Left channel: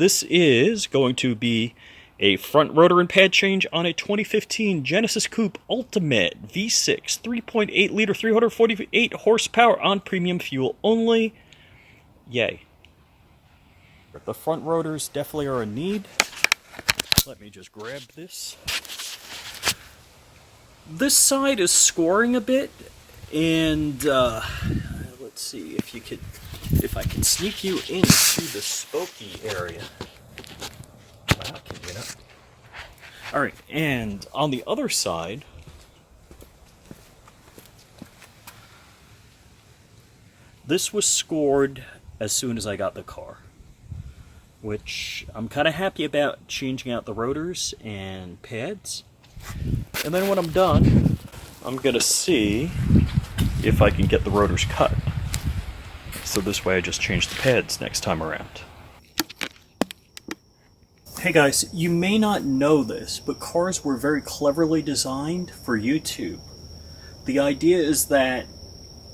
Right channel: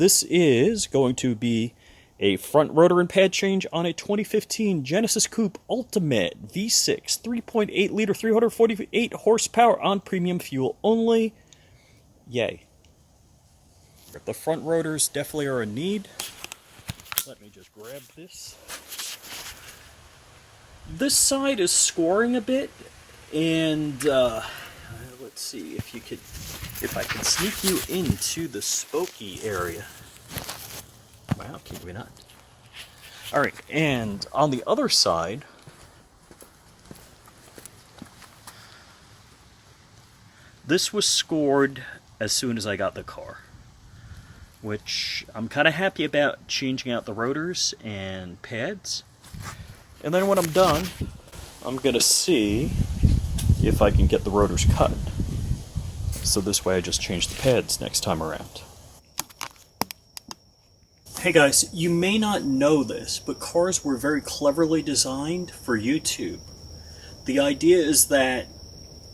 This is going to be a front rotor and pad change on a 2015 Genesis Coupe Ultimate V6 3.8 liter 348 horsepower on premium fuel only. Yay. The front rotors definitely are a need. Let me just grab this. This side is scoring a bit, and let's see if I can sneak you into the spokey area. Well, can you not? All right, and on the other side, this was scored as soon as I got the car, which I'm kind of happy about, changing out the rotors and pads. And then when I'm done, I'm going to see if I can get the rotors cut. So this way I just change the pads next time around. Hey guys, you may not know this, but cars were very cleverly designed for YouTube. The idea is that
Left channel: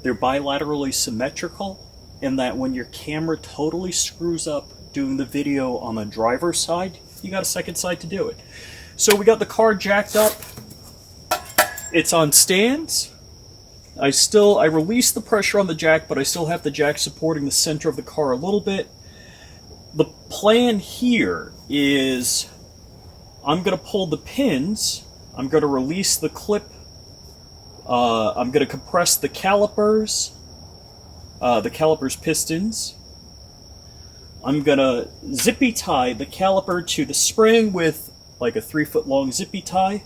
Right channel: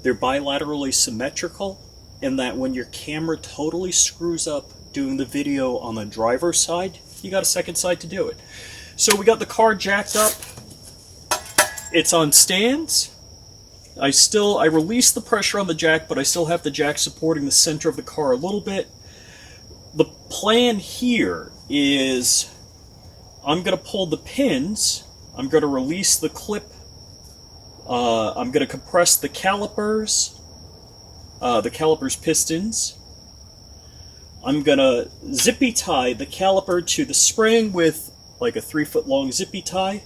they're bilaterally symmetrical, and that when your camera totally screws up doing the video on the driver's side, you got a second side to do it. So we got the car jacked up. It's on stands. I released the pressure on the jack, but I still have the jack supporting the center of the car a little bit. The plan here is I'm going to pull the pins, I'm going to release the clip, I'm going to compress the calipers pistons, I'm going to zippy tie the caliper to the spring with like a 3-foot long zippy tie.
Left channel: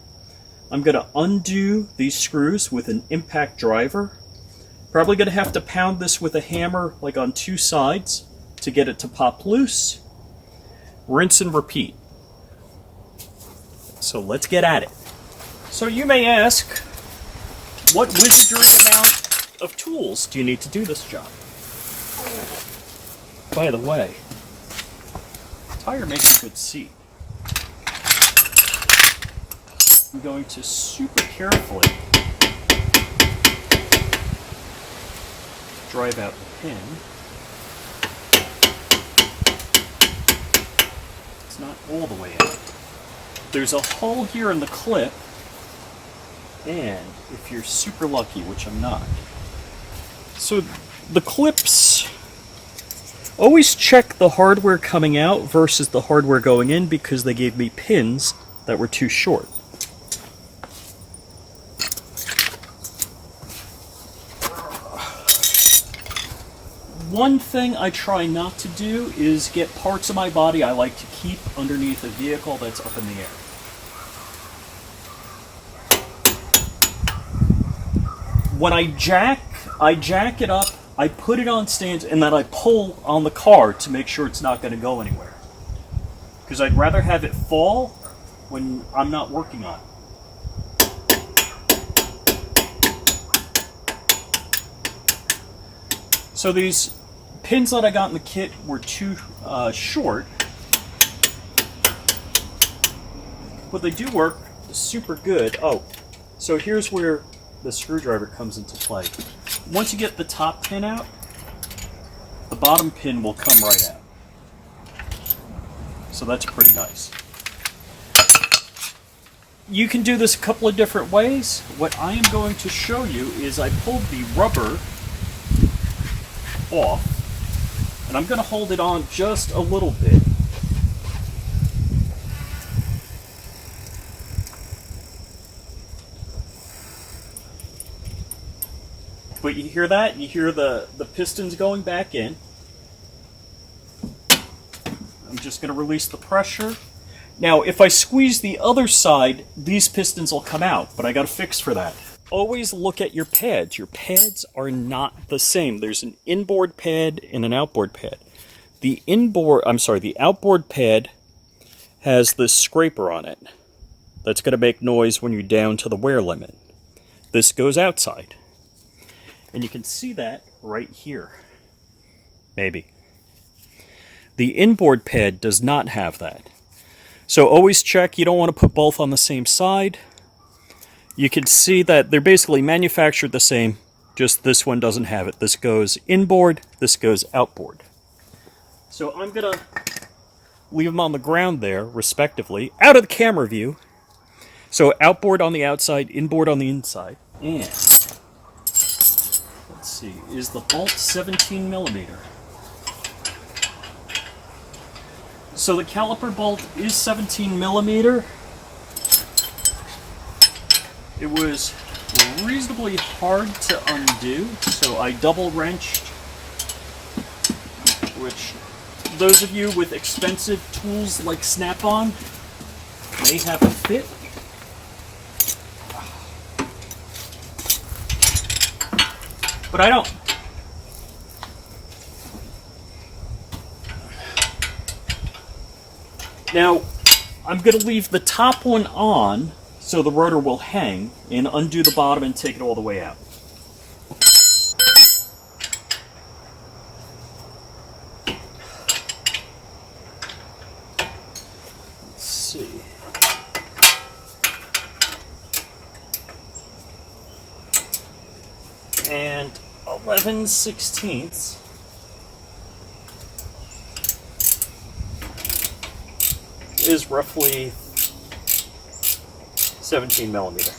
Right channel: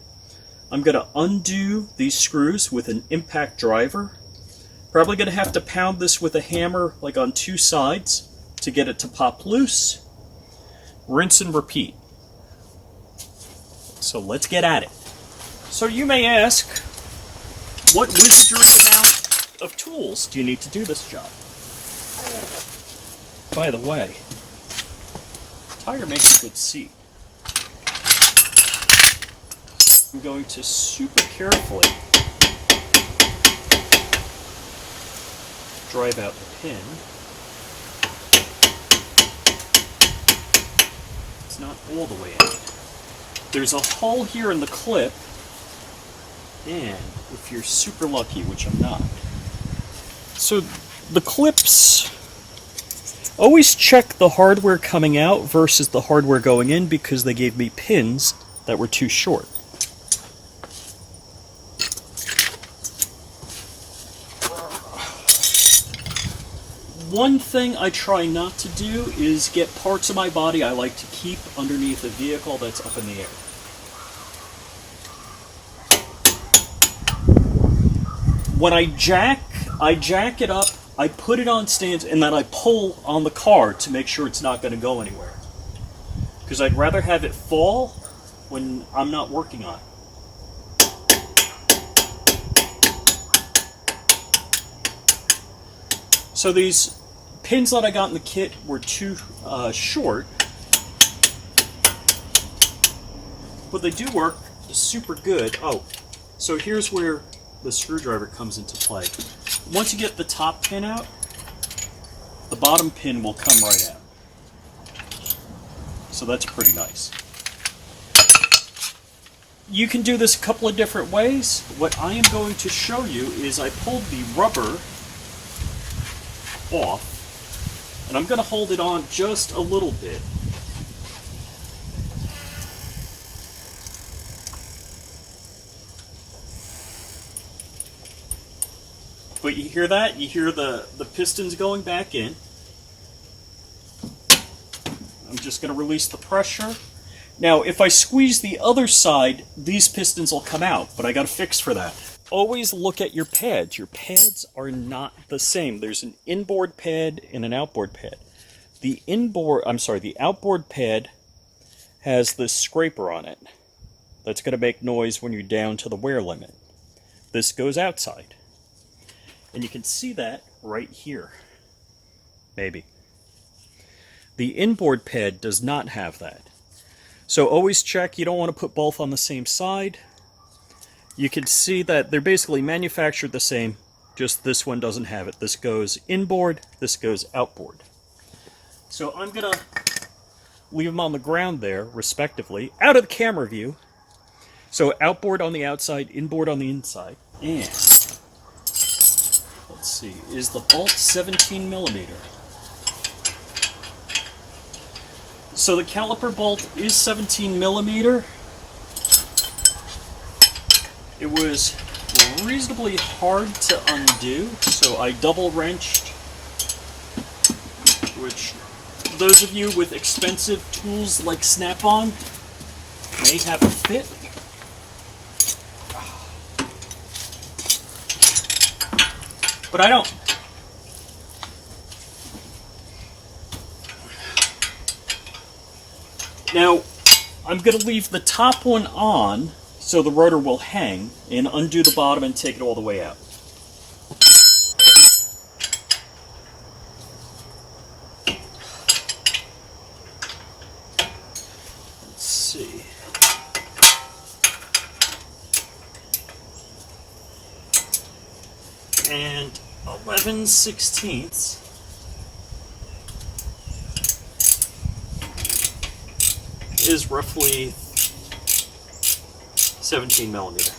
I'm going to undo these screws with an impact driver. Probably going to have to pound this with a hammer like on 2 sides to get it to pop loose. Rinse and repeat. So let's get at it. So you may ask, what wizardry amount of tools do you need to do this job? By the way, tire makes a good seat. I'm going to super carefully drive out the pin. It's not all the way out. There's a hole here in the clip, and if you're super lucky, which I'm not, so the clips, always check the hardware coming out versus the hardware going in, because they gave me pins that were too short. One thing I try not to do is get parts of my body I like to keep underneath a vehicle that's up in the air. When I jack it up, I put it on stands, and then I pull on the car to make sure it's not going to go anywhere. Because I'd rather have it fall when I'm not working on it. So these pins that I got in the kit were too short, but they do work super good. Oh, so here's where the screwdriver comes into play. Once you get the top pin out, the bottom pin will come right out. So that's pretty nice. You can do this a couple of different ways. What I am going to show you is I pulled the rubber off, and I'm going to hold it on just a little bit. But you hear that? You hear the pistons going back in. I'm just going to release the pressure. Now, if I squeeze the other side, these pistons will come out, but I got a fix for that. Always look at your pads. Your pads are not the same. There's an inboard pad and an outboard pad. The outboard pad has this scraper on it that's going to make noise when you're down to the wear limit. This goes outside. And you can see that right here. Maybe. The inboard pad does not have that. So always check. You don't want to put both on the same side. You can see that they're basically manufactured the same, just this one doesn't have it. This goes inboard, this goes outboard. So I'm going to leave them on the ground there, respectively, out of the camera view. So outboard on the outside, inboard on the inside. And let's see, is the bolt 17 millimeter? So the caliper bolt is 17 millimeter. It was reasonably hard to undo, so I double wrenched, which those of you with expensive tools like Snap-on may have a fit. But I don't. Now, I'm going to leave the top one on so the rotor will hang, and undo the bottom and take it all the way out. Let's see. And 11/16 is roughly 17 millimeter.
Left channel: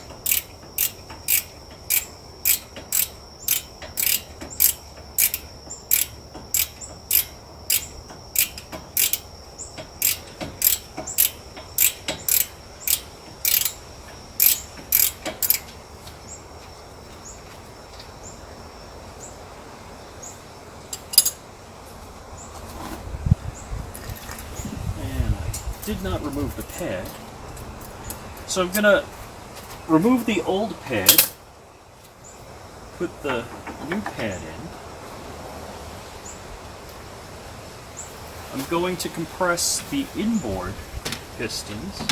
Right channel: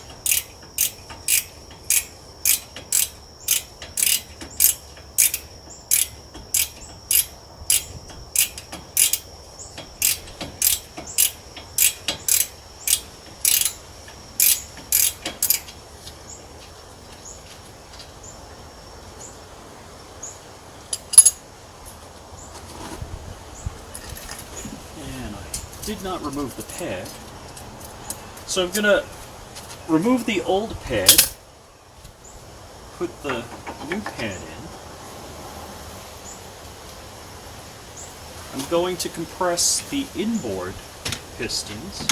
And I did not remove the pad. So I'm going to remove the old pad, put the new pad in. I'm going to compress the inboard pistons.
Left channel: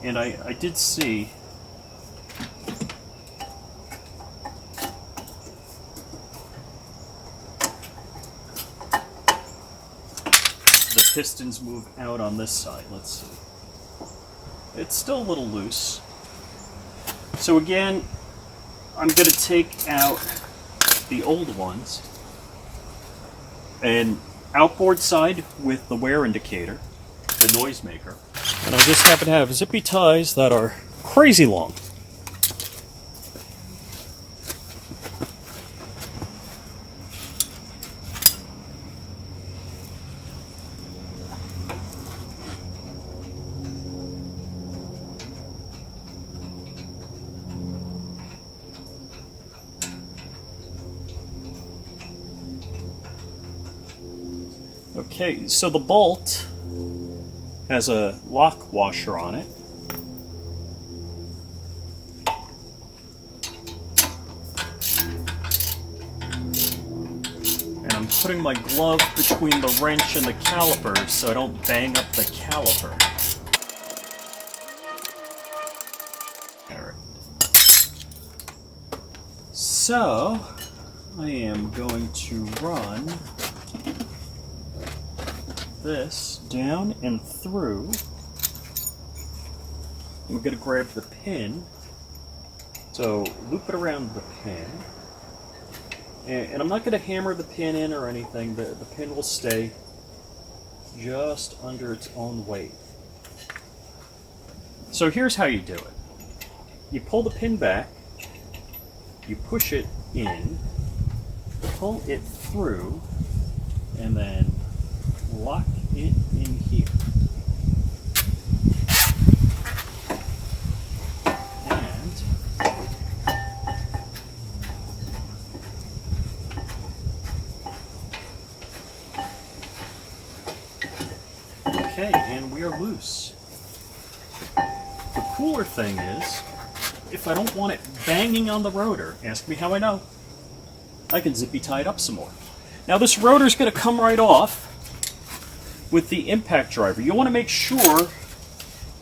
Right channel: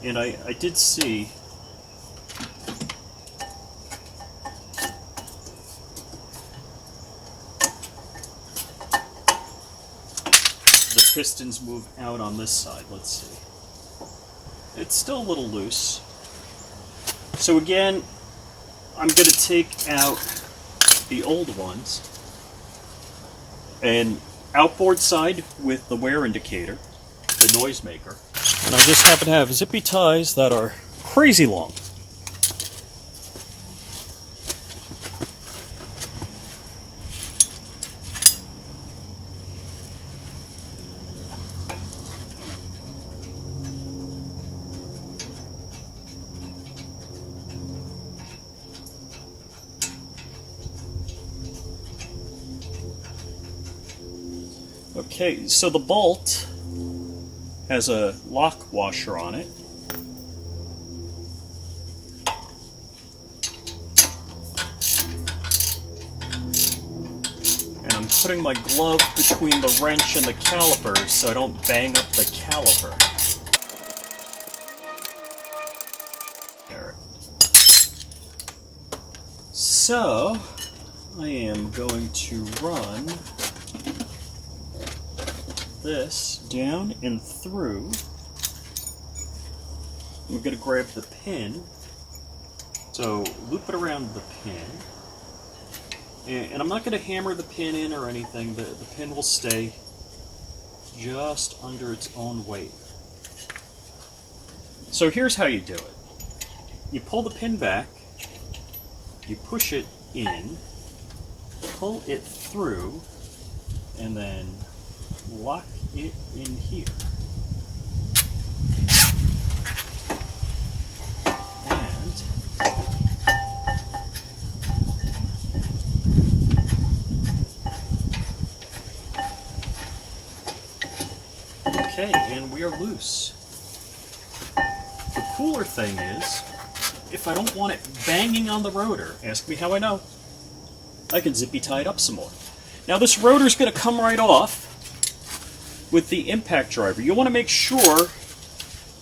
And I did see the pistons move out on this side. Let's see. It's still a little loose. So again, I'm going to take out the old ones and outboard side with the wear indicator, the noisemaker. And I just happen to have zippy ties that are crazy long. Okay, so the bolt has a lock washer on it. And I'm putting my glove between the wrench and the calipers so I don't bang up the caliper. There. So, I am going to run this down and through. I'm going to grab the pin, so loop it around the pin, and I'm not going to hammer the pin in or anything. The pin will stay just under its own weight. So here's how you do it. You pull the pin back, you push it in, pull it through, and then lock it in here. And okay, and we are loose. The cooler thing is, if I don't want it banging on the rotor, ask me how I know, I can zippy tie it up some more. Now this rotor is going to come right off with the impact driver. You want to make sure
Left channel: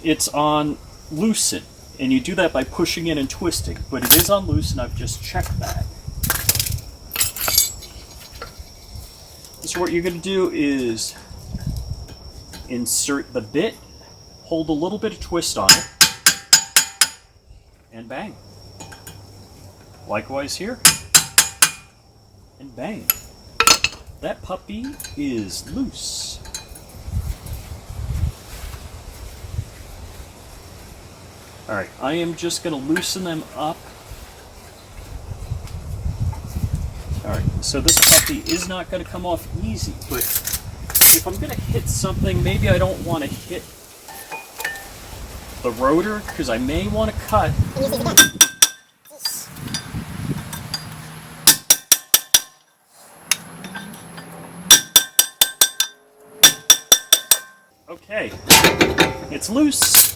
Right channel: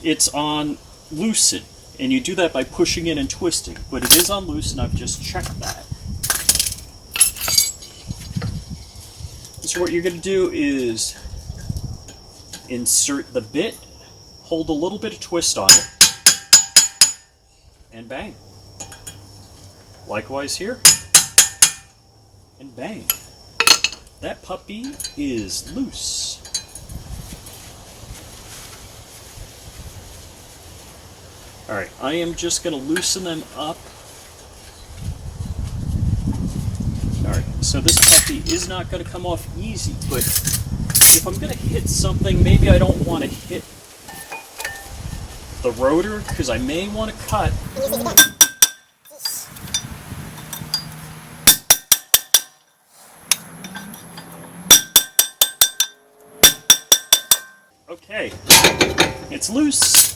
it's on loosen, and you do that by pushing in and twisting, but it is on loose and I've just checked that. So what you're going to do is insert the bit, hold a little bit of twist on it, and bang. Likewise here, and bang. That puppy is loose. Alright, I am just going to loosen them up. Alright, so this puppy is not going to come off easy, but if I'm going to hit something, maybe I don't want to hit the rotor, because I may want to cut. Okay, it's loose.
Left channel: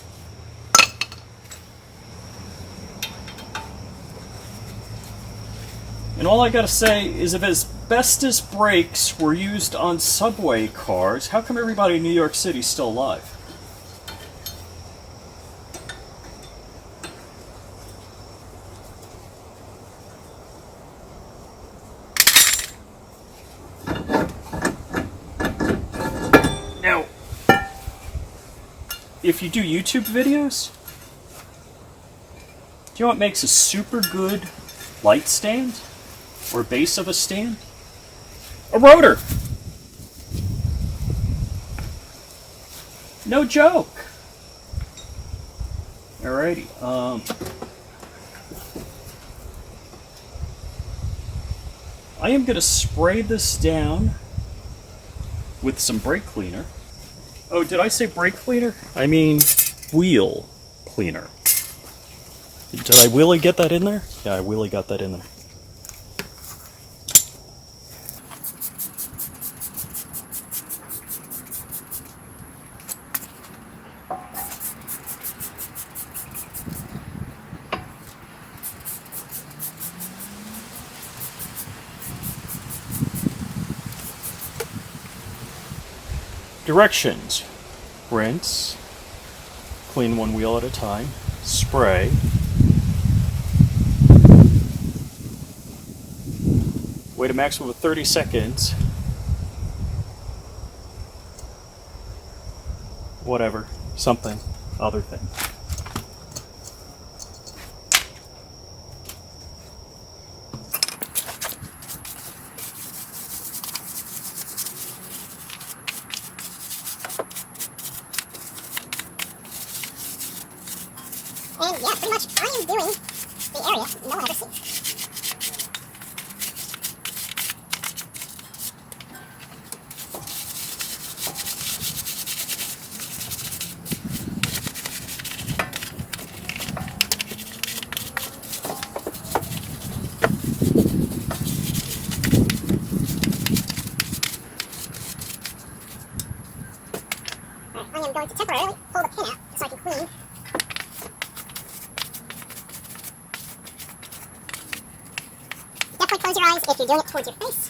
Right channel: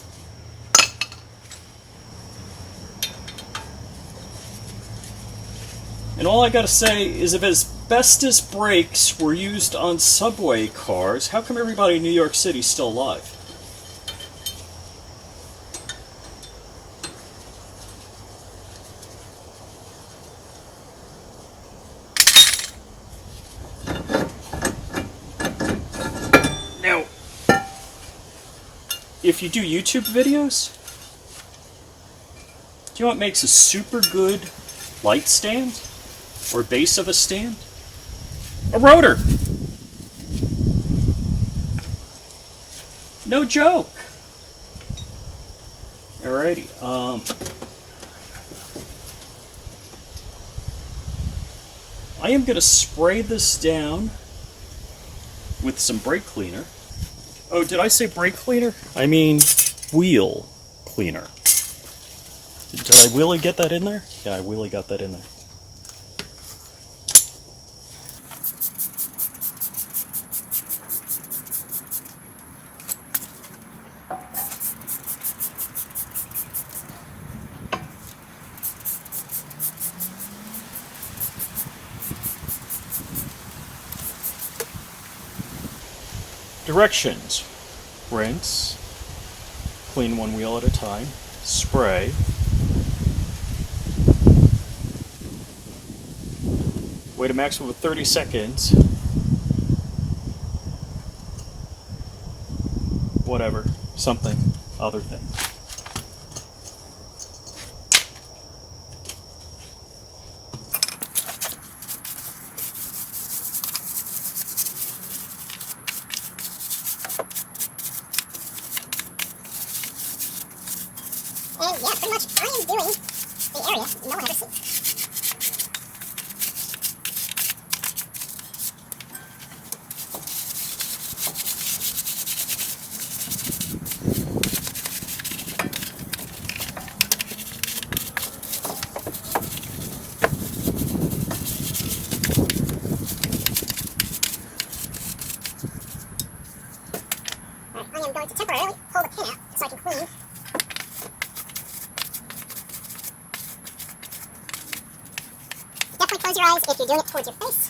And all I gotta say is, if asbestos brakes were used on subway cars, how come everybody in New York City is still alive? Now, if you do YouTube videos, do you know what makes a super good light stand? Or base of a stand? A rotor! No joke! Alrighty, I am gonna spray this down with some brake cleaner. Oh, did I say brake cleaner? I mean wheel cleaner. Did I really get that in there? Yeah, I really got that in there. Directions: rinse, clean one wheel at a time, spray, wait a maximum of 30 seconds, whatever, something, other thing. And yeah, pretty much I am doing the area no one ever seen. I am going to temporarily pull the pin out so I can clean. Definitely close your eyes if you're doing it towards your face.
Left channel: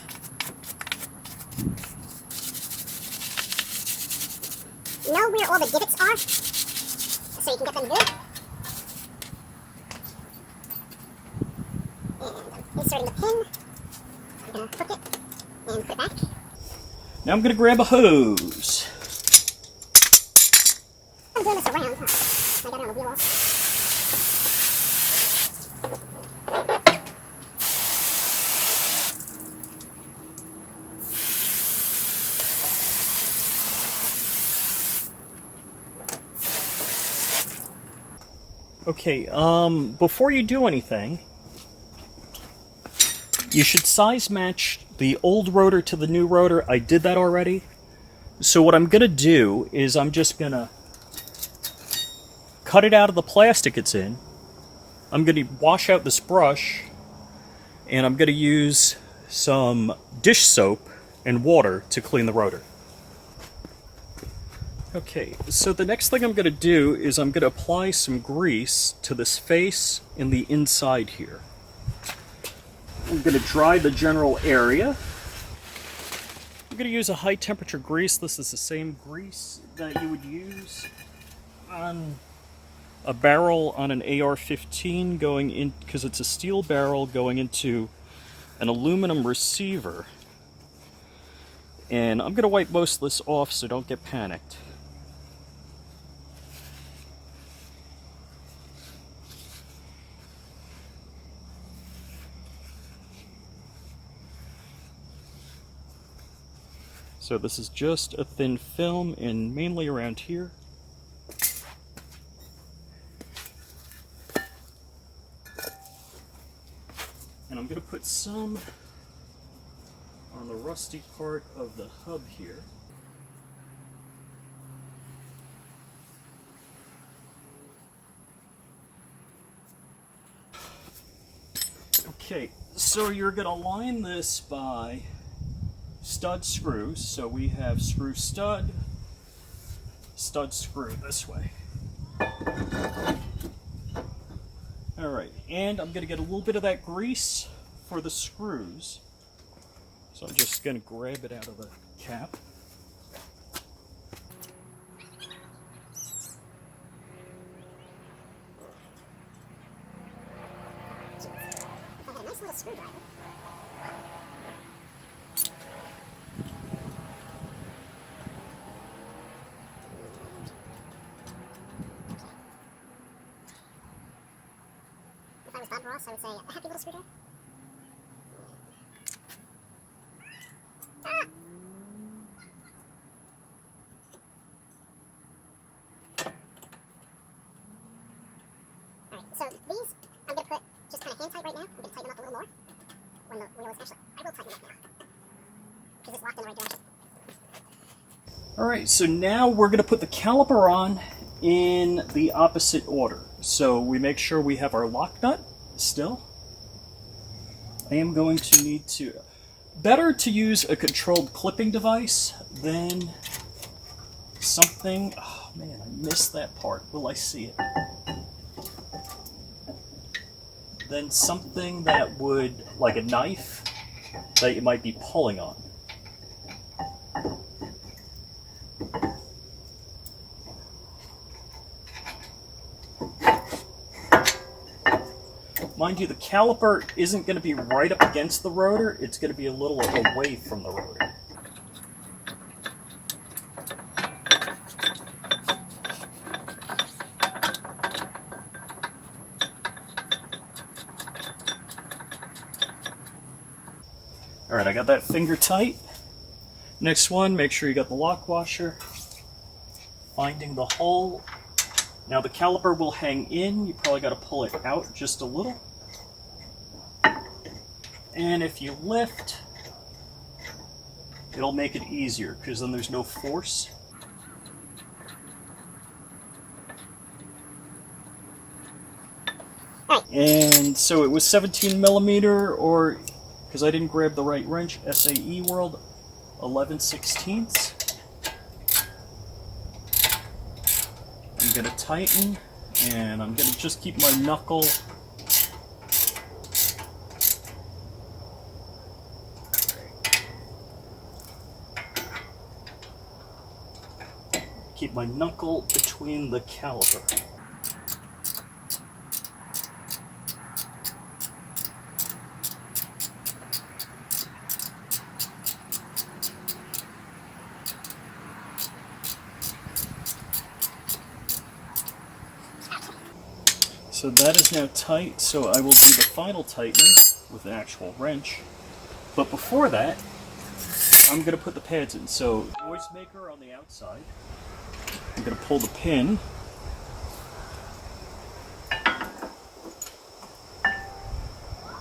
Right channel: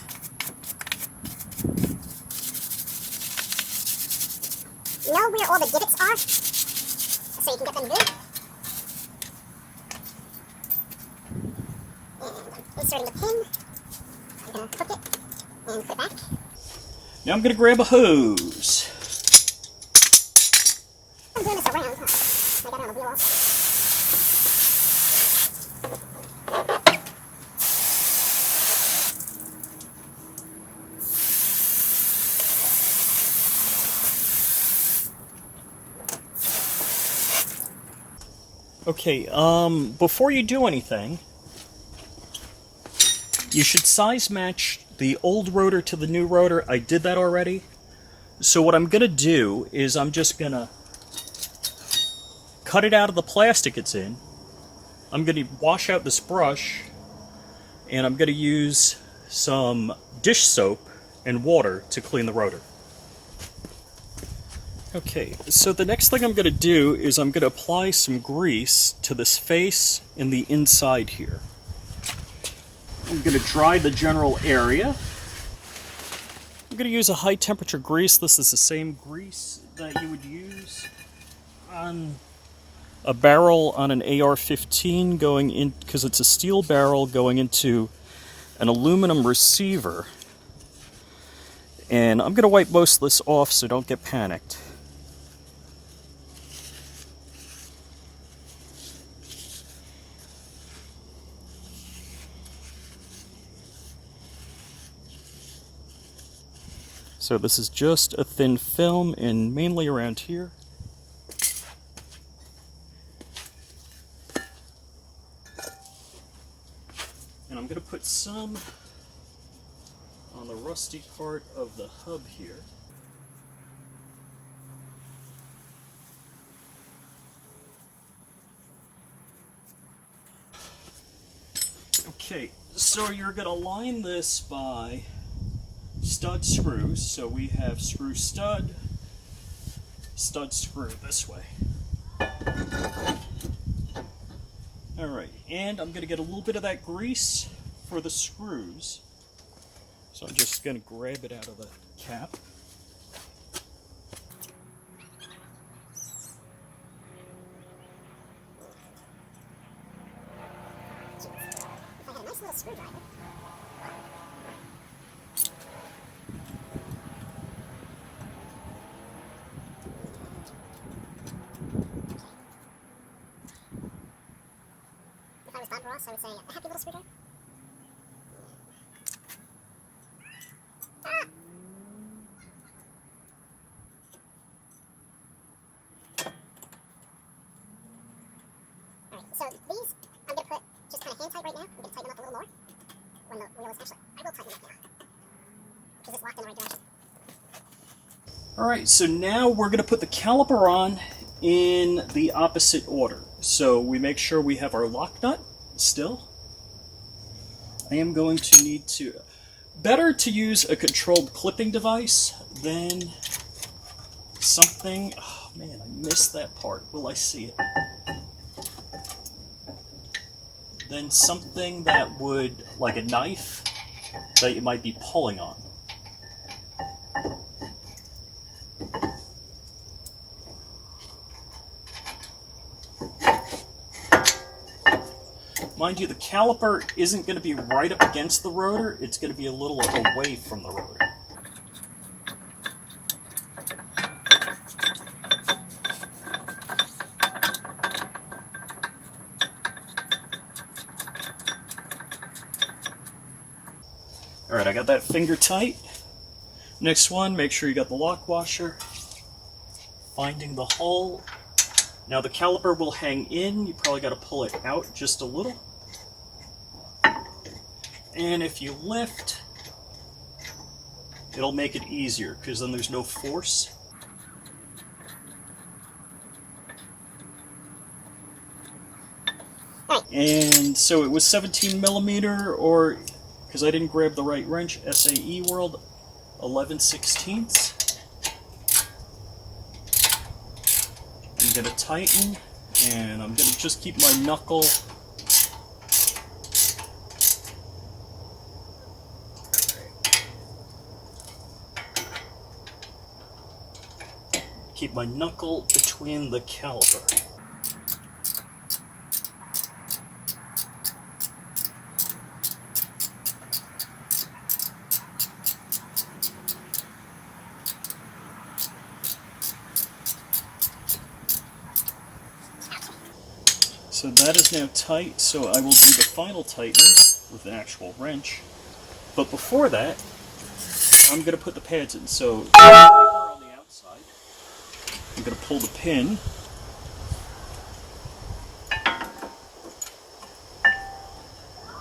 Know where all the divots are so you can get them good. And I'm inserting the pin. I'm going to hook it and put it back. Now I'm going to grab a hose. I'm doing this around, huh? I got it on the wheel off. Okay, before you do anything, you should size match the old rotor to the new rotor. I did that already. So what I'm going to do is I'm just going to cut it out of the plastic it's in. I'm going to wash out this brush, and I'm going to use some dish soap and water to clean the rotor. Okay, so the next thing I'm going to do is I'm going to apply some grease to this face and the inside here. I'm going to dry the general area. I'm going to use a high temperature grease. This is the same grease that you would use on a barrel on an AR-15 going in, because it's a steel barrel going into an aluminum receiver. And I'm going to wipe most of this off so don't get panicked. So this is just a thin film, and mainly around here. And I'm going to put some on the rusty part of the hub here. Okay, so you're going to line this by stud screws. So we have screw stud, stud screw this way. Alright, and I'm going to get a little bit of that grease for the screws. So I'm just going to grab it out of the cap. I got a nice little screwdriver. If I was Bob Ross, I would say a happy little screwdriver. Ah! Alright, so these I'm going to put just kind of hand tight right now. I'm going to tighten them up a little more when the wheel is actually, I will tighten them up now because it's locked in the right direction. Alright, so now we're going to put the caliper on in the opposite order. So we make sure we have our lock nut still. I am going to need to... Better to use a controlled clipping device than something... Oh man, I missed that part. Will I see it? Than something that would, like a knife, that you might be pulling on. Mind you, the caliper isn't going to be right up against the rotor, it's going to be a little away from the rotor. Alright, I got that finger tight. Next one, make sure you got the lock washer. Finding the hole. Now the caliper will hang in, you probably got to pull it out just a little. And if you lift, it'll make it easier because then there's no force. And so it was 17 millimeter, or because I didn't grab the right wrench, SAE World 11/16. I'm going to tighten, and I'm going to just keep my knuckle between the caliper. So that is now tight, so I will do the final tightening with an actual wrench. But before that, I'm going to put the pads in. So the anchor on the outside, I'm going to pull the pin.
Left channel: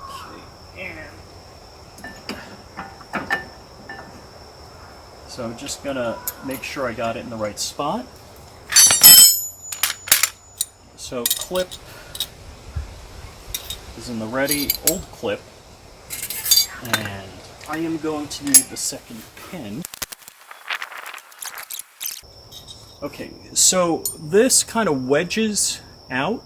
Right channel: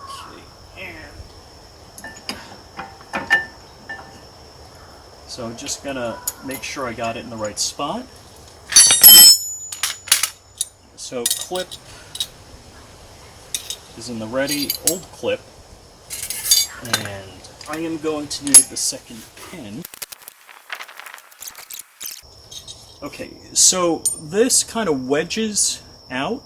Okay, and so I'm just going to make sure I got it in the right spot. So clip is in the ready, old clip, and I am going to need the second pin. Okay, so this kind of wedges out,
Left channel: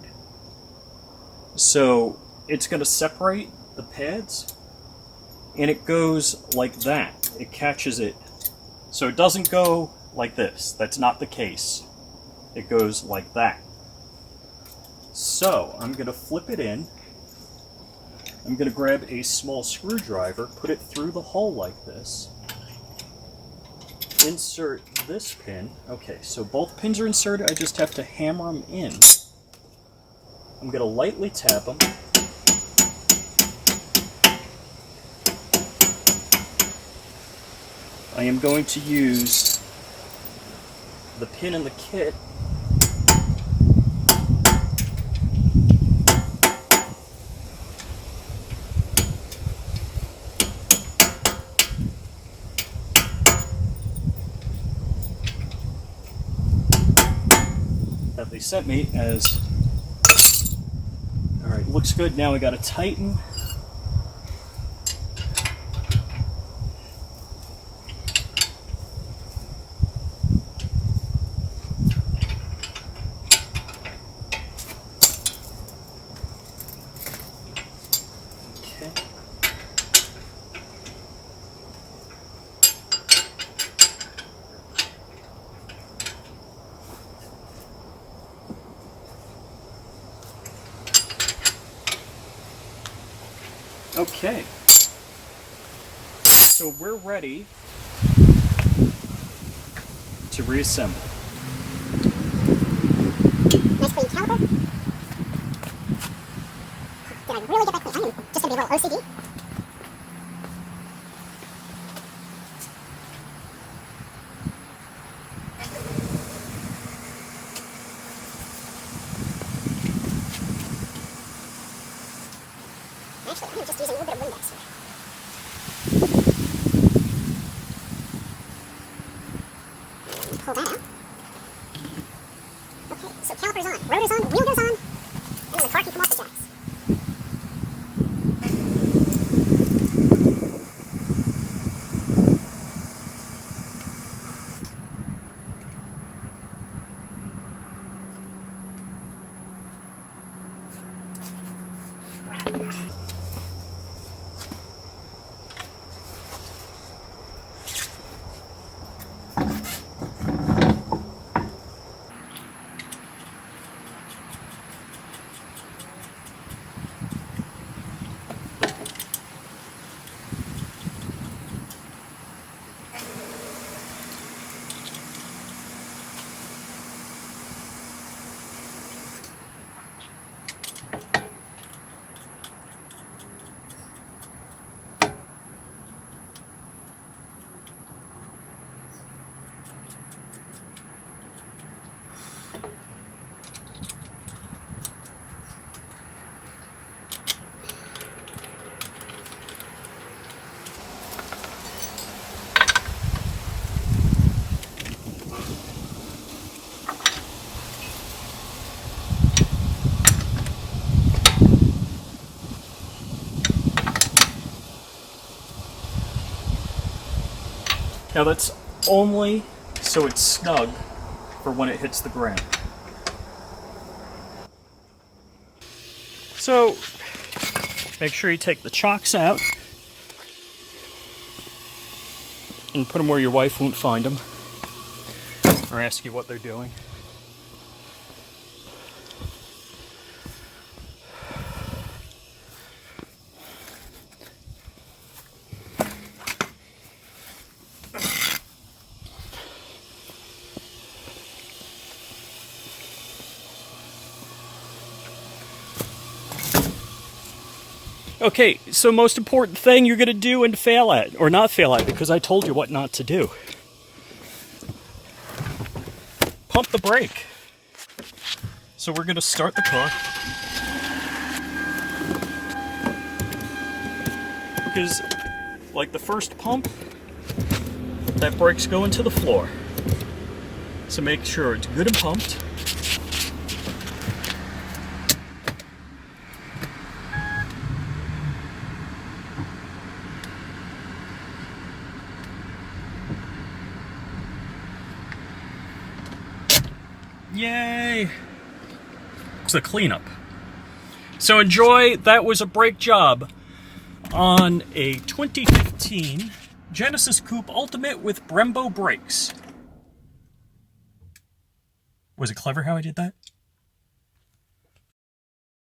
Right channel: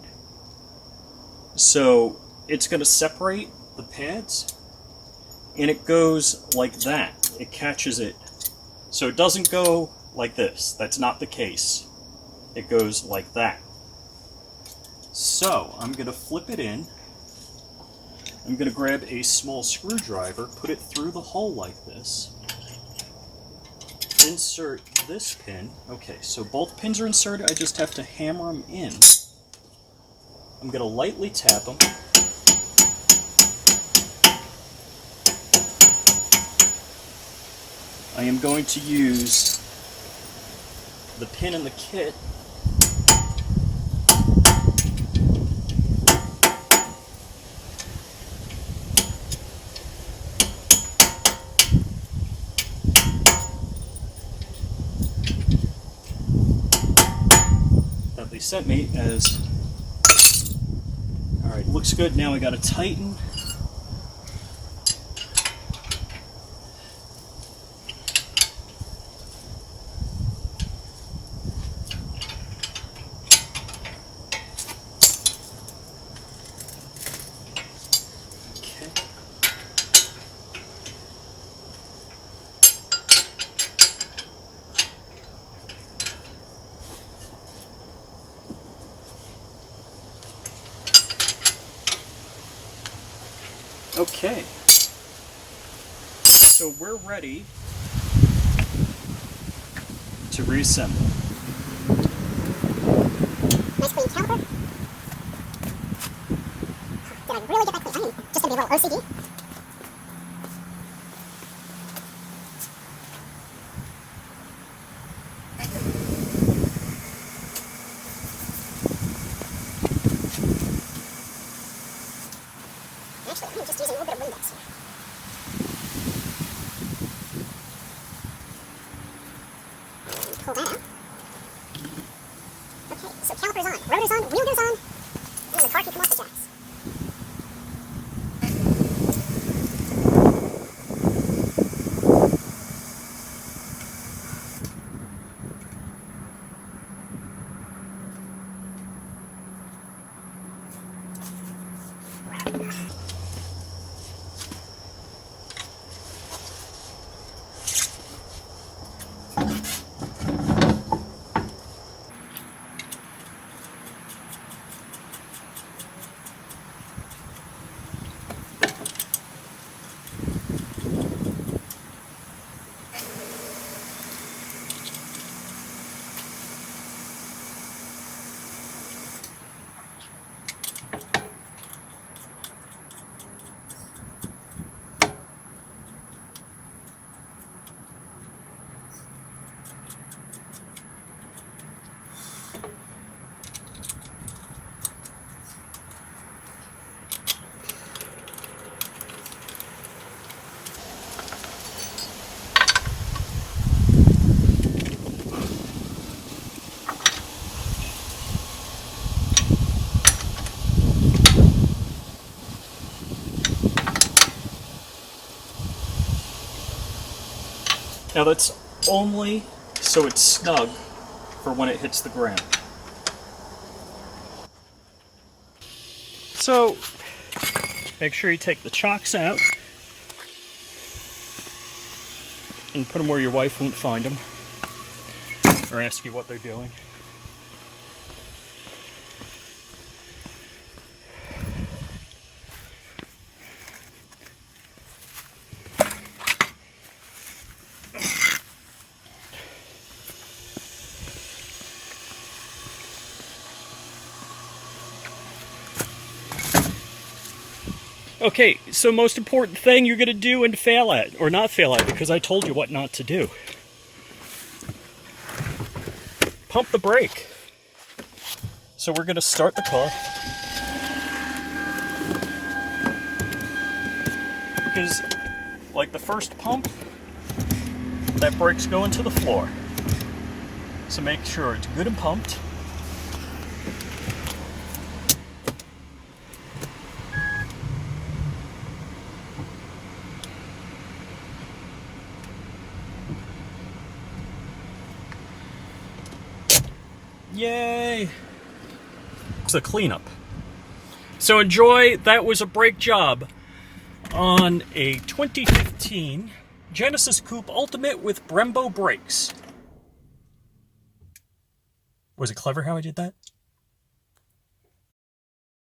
so it's going to separate the pads, and it goes like that. It catches it, so it doesn't go like this. That's not the case. It goes like that. So I'm going to flip it in. I'm going to grab a small screwdriver, put it through the hole like this, insert this pin. Okay, so both pins are inserted, I just have to hammer them in. I'm going to lightly tap them. I I am going to use the pin in the kit that they sent me as, all right, looks good. Now we got to tighten. Okay, so we're ready to reassemble. Nice clean caliper. Did I really get that clean? I'm just gonna be a little OCD. Actually, I'm just using a little bit of Windex here. And pull that out. Okay, so calipers on, rotors on, wheel goes on, and then the car can come off the jacks. Now that's only so it's snug for when it hits the ground. So make sure you take the chocks out and put them where your wife won't find them or ask you what they're doing. Okay, so most important thing you're going to do and fail at, or not fail at, because I told you what not to do. Pump the brake. So we're going to start the car. Because, like the first pump, that brake's going to the floor. So make sure it's good and pumped. Yay! It's a cleanup. So enjoy. That was a brake job on a 2015 Genesis Coupe Ultimate with Brembo brakes. Was it clever how I did that?